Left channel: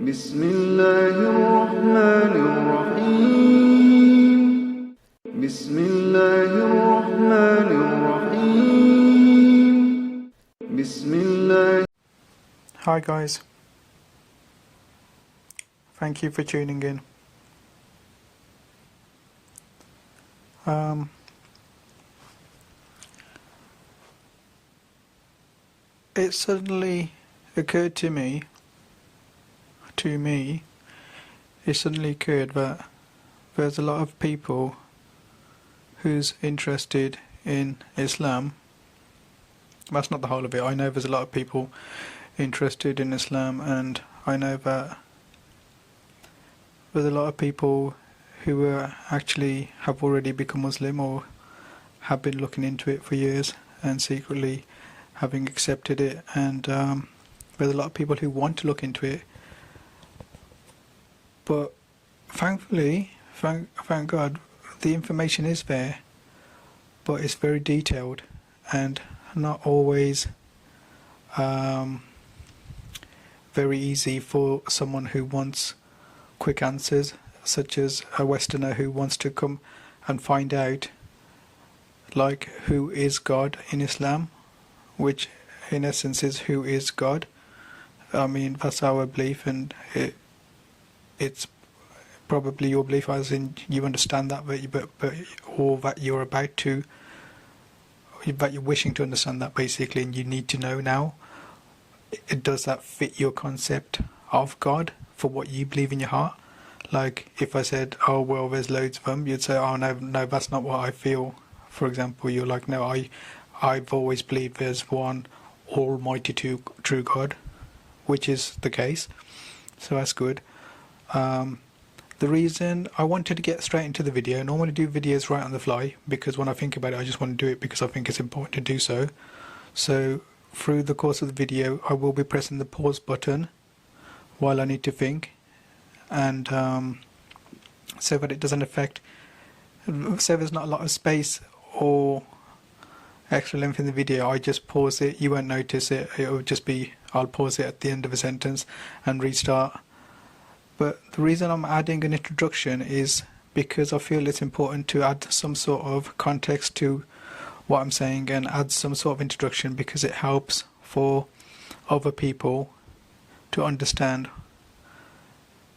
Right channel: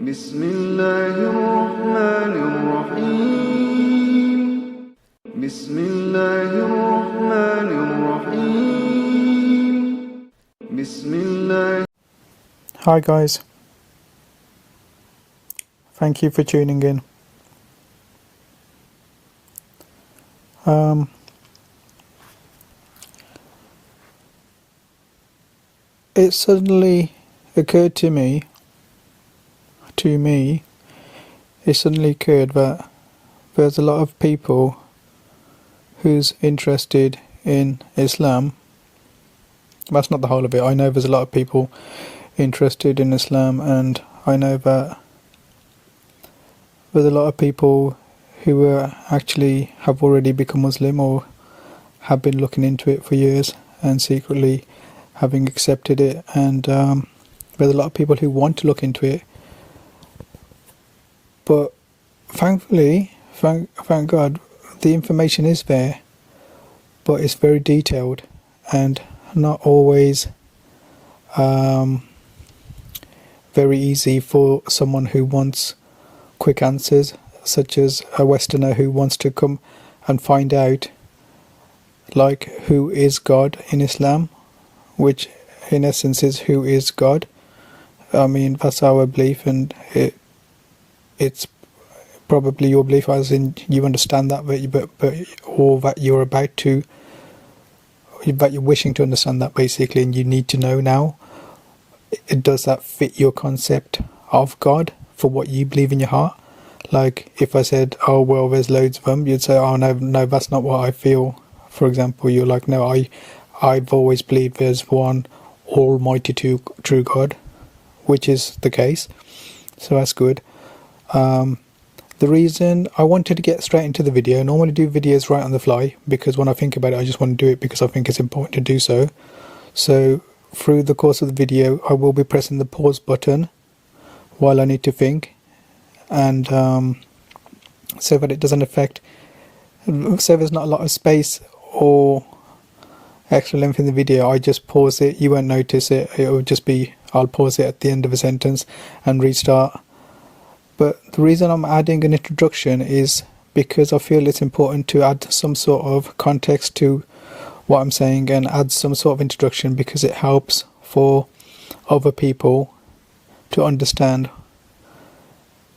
بسم الله الرحمن الرحيم بسم الله الرحمن الرحيم بسم الله. Hi guys, thank you for tuning in. It suddenly occurred to me, that there's a lot of people who's interested in Islam. That's not the whole of it. I know there's a lot of people interested in Islam, and I know that there's a lot of people who actually have already become Muslim or have been looking into it for years and secretly having accepted it, and there's a lot of people who want to look into it, but thankfully, thank God, the information is there, but it's very detailed and not always very easy for someone who wants quick answers, such as a Westerner who wants to come and find out, like, who is God in Islam, which in essence is who is God. I mean, that's our belief, and it's probably your belief, as in you understand that, or that you're wishing to understand that, basically, and you need to know now. Does that fit your concept of God for what you believe in your heart? Like, if I said, oh well, there's loads of them, you'd say, oh no, that's not what I feel. For example, you're like, no, I've always believed there's one almighty true God, which is the case, so that's good. The reason I wanted to get straight into the video, and I want to do videos right on the fly, because when I think about it, I just want to do it because I think it's important to do so. So through the course of the video, I will be pressing the pause button while I need to think, and so that it doesn't affect, so there's not a lot of space or extra length in the video. I just pause it, you won't notice it, it will just be, I'll pause it at the end of a sentence and restart. But the reason I'm adding an introduction is because I feel it's important to add some sort of context to what I'm saying and add some sort of introduction, because it helps for other people to understand,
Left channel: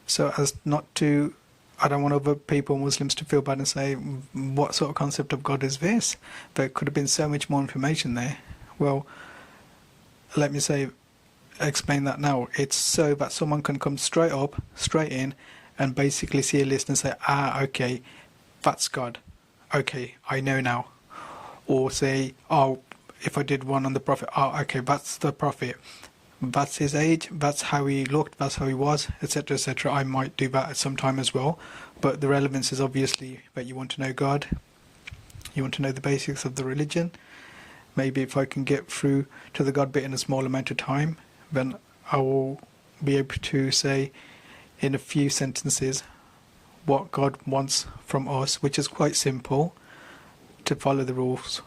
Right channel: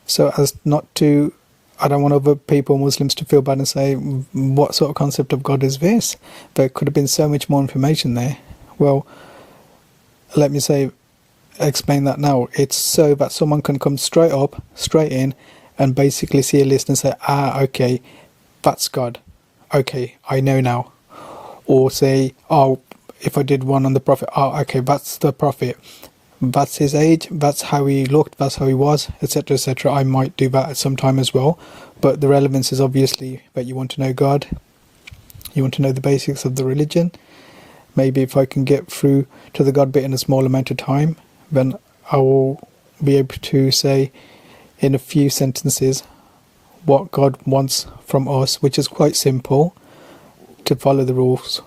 so as not to, I don't want other people, Muslims, to feel bad and say, what sort of concept of God is this? There could have been so much more information there. Well, let me explain that now. It's so that someone can come straight in, and basically see a list and say, okay, that's God. Okay, I know now. Or say, oh, if I did one on the Prophet, okay, that's the Prophet. That's his age, that's how he looked, that's how he was, etc, etc. I might do that at some time as well, but the relevance is obviously that you want to know God, you want to know the basics of the religion. Maybe if I can get through to the God bit in a small amount of time, then I will be able to say in a few sentences what God wants from us, which is quite simple: to follow the rules.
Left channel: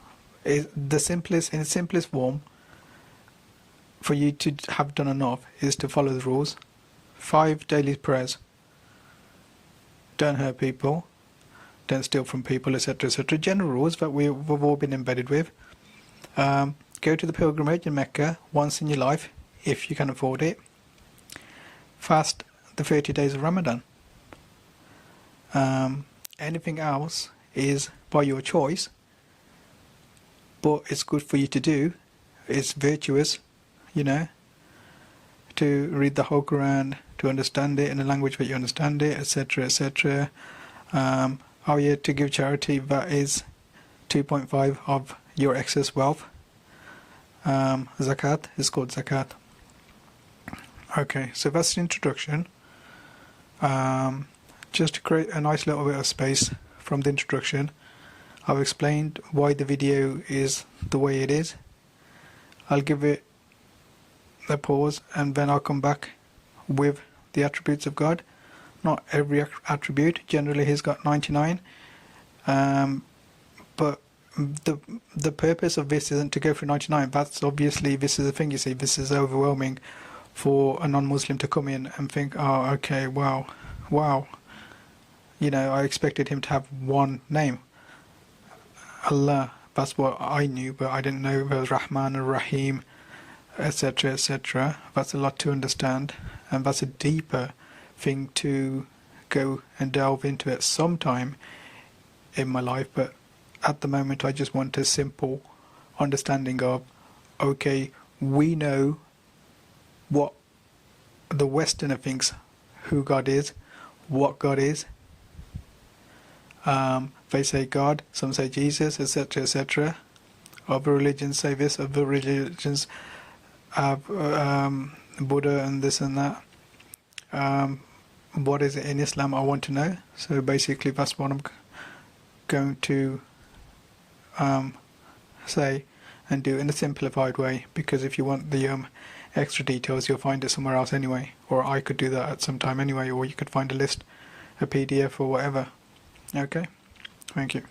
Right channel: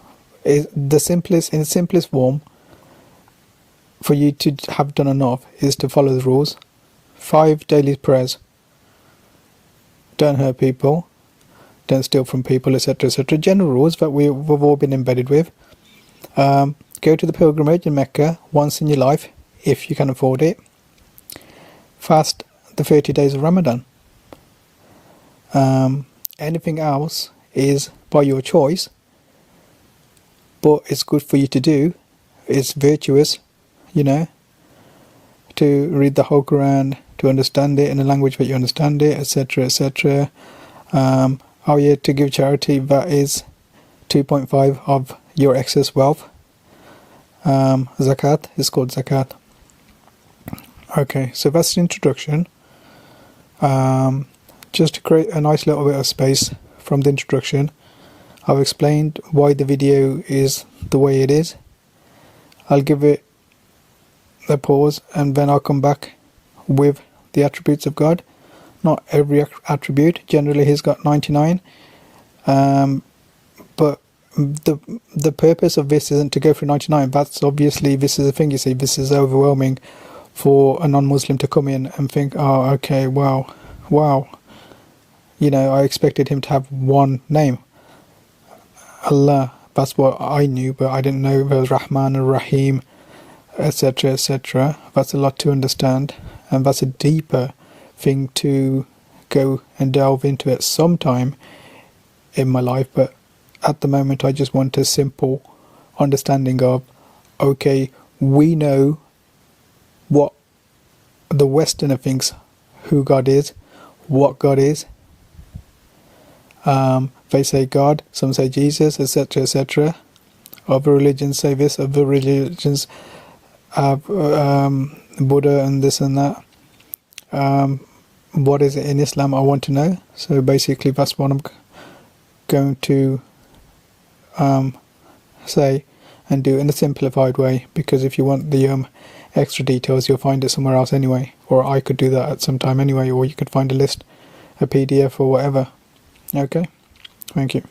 In the simplest form, for you to have done enough, is to follow the rules. 5 daily prayers. Don't hurt people. Don't steal from people, etc, etc. General rules that we've all been embedded with. Go to the pilgrimage in Mecca once in your life, if you can afford it. Fast the 30 days of Ramadan. Anything else is by your choice, but it's good for you to do. It's virtuous, to read the whole Quran, to understand it in a language that you understand it, etc, etc. To give charity, that is 2.5 of your excess wealth. Zakat is called zakat. Okay, so that's the introduction. Just to create a nice little bit of space from the introduction, I've explained why the video is the way it is. I'll give it a pause, and then I'll come back with the attributes of God. Not every attribute, generally he's got 99, but the purpose of this isn't to go through 99. That's obviously, this is a thing, you see, this is overwhelming for a non-Muslim to come in and think, oh, okay, well, wow, I expected him to have one name, Allah. That's what I knew, but I didn't know there was Rahman and Rahim, etc., etc. That's a lot to understand, and that's a deeper thing to go and delve into at some time in my life. But at the moment, I just want a simple understanding of, okay, we know what the Westerner thinks who God is, what God is. They say God, some say Jesus, etc., etc. Other religions say this, other religions have Buddha and this and that. What is it in Islam? I want to know. So basically, that's what I'm going to say and do in a simplified way. Because if you want the extra details, you'll find it somewhere else anyway. Or I could do that at some time anyway. Or you could find a list, a PDF, or whatever. Okay. Thank you.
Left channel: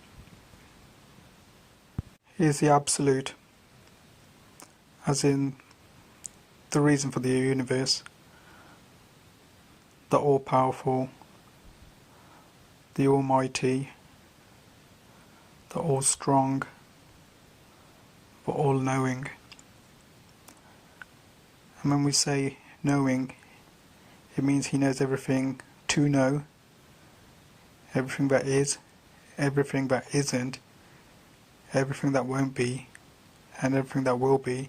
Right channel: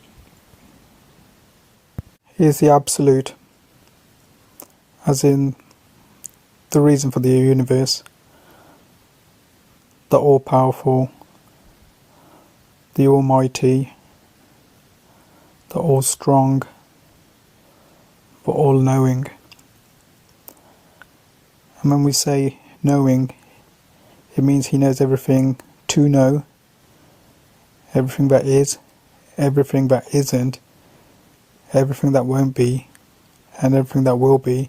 Here's the absolute, as in the reason for the universe, the all-powerful, the almighty, the all-strong, the all-knowing. And when we say knowing, it means he knows everything to know, everything that is, everything that isn't, everything that won't be, and everything that will be,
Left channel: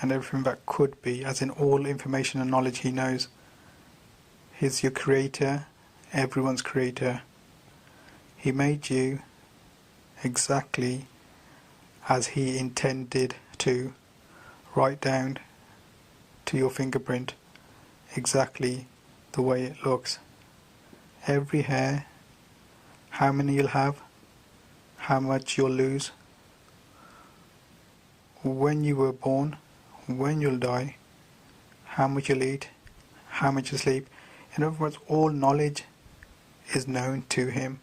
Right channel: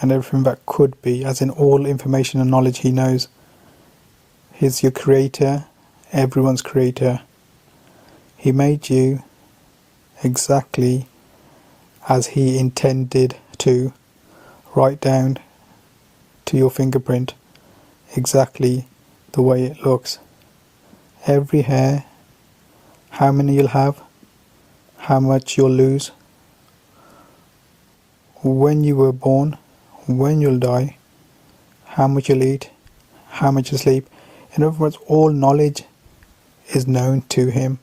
and everything that could be, as in all information and knowledge he knows. He's your creator, everyone's creator. He made you exactly as he intended to, right down to your fingerprint, exactly the way it looks. Every hair, how many you'll have, how much you'll lose, when you were born, when you'll die, how much you'll eat, how much you sleep. In other words, all knowledge is known to him.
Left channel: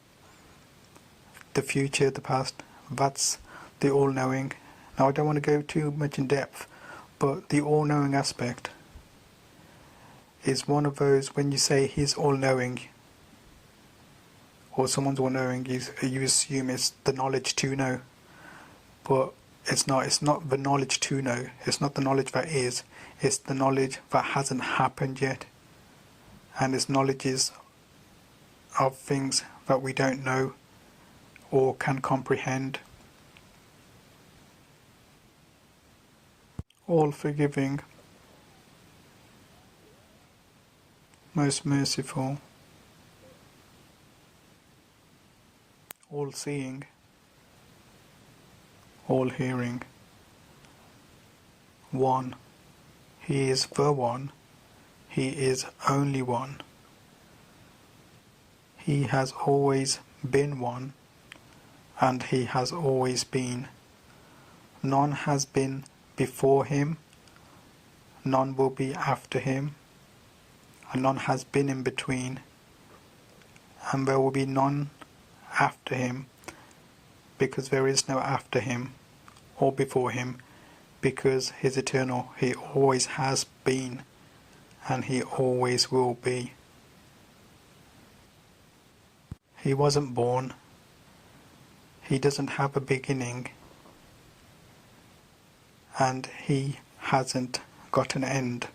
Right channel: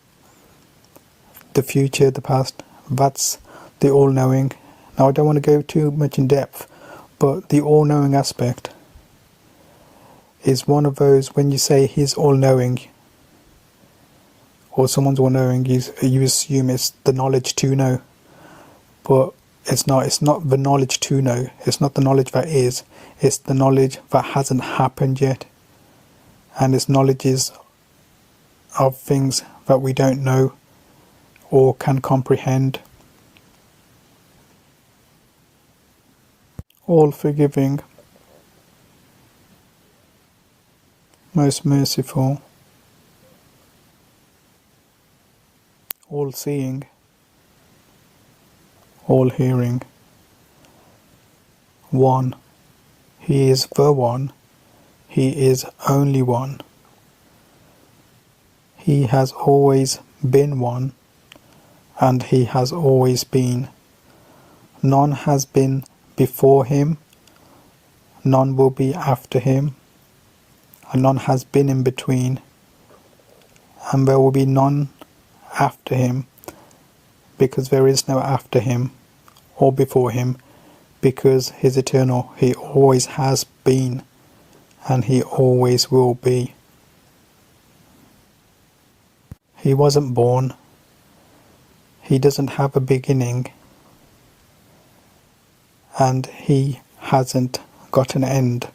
The future, the past, that's the all-knowing. Now I don't want to go too much in depth, but the all-knowing aspect is one of those, when you say he's all-knowing, or someone's all-knowing, you assume it's the knowledge to know. But it's not the knowledge to know, it's not the knowledge that is, it's the knowledge that hasn't happened yet. And it's knowledges of things that we don't know or can comprehend. All forgiving, most merciful, all seeing, all hearing, one. He is the one. He is only one. He has always been one, and he has always been. None has been before him, none will be after him, and none has been in between, and there will be none after him, because there is no after him or before him, because he is eternal. He always has been, and he always will be. He wasn't born. He doesn't have a beginning, and he hasn't got an end.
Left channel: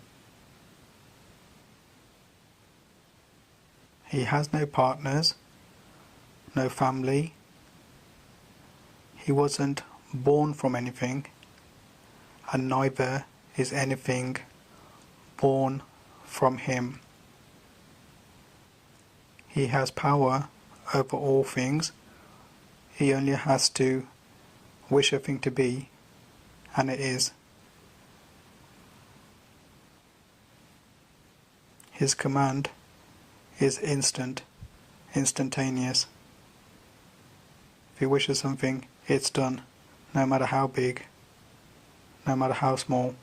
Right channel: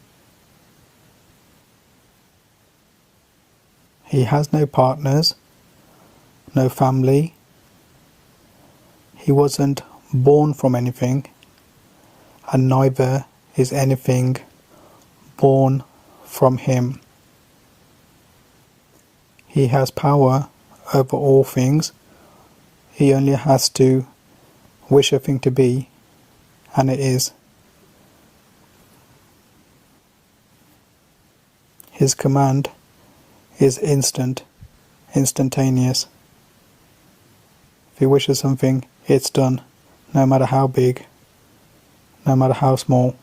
He has no partners, no family. He wasn't born from anything, and neither is anything born from him. He has power over all things. He only has to wish a thing to be, and it is. His command is instantaneous. If he wishes something, it's done, no matter how big, no matter how small.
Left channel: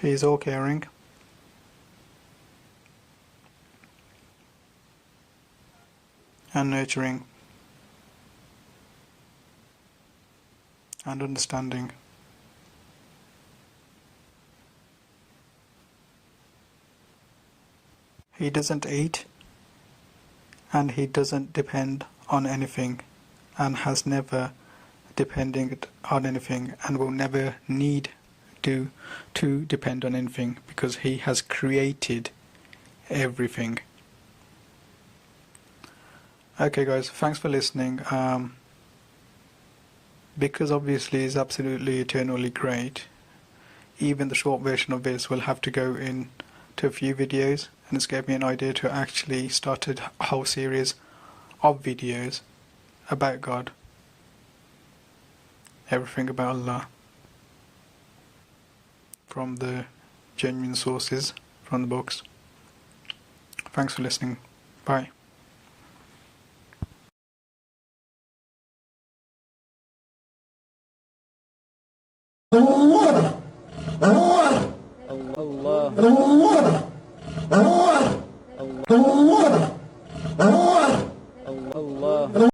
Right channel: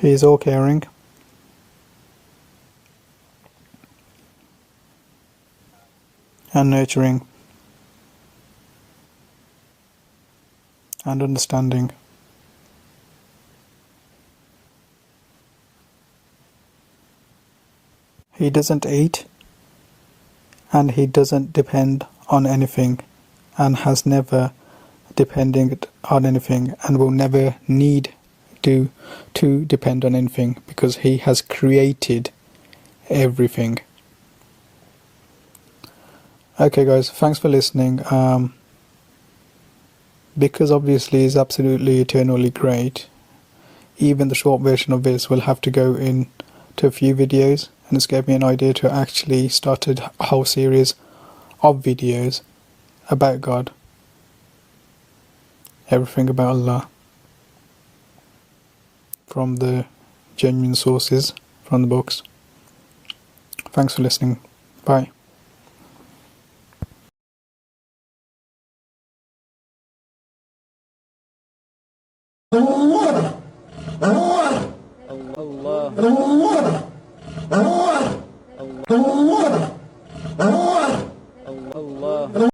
He is all-caring, and nurturing. and understanding. He doesn't eat, and he doesn't depend on anything, and has never depended on anything, and will never need to depend on anything, because he has created everything. Okay guys, thanks for listening. Because obviously it's absolutely eternally great, even the short version of this will have to go into a few videos, and it's gave me an idea to actually start a whole series of videos about God, everything about Allah, from the genuine sources, from the books. Thanks for listening. Bye. الله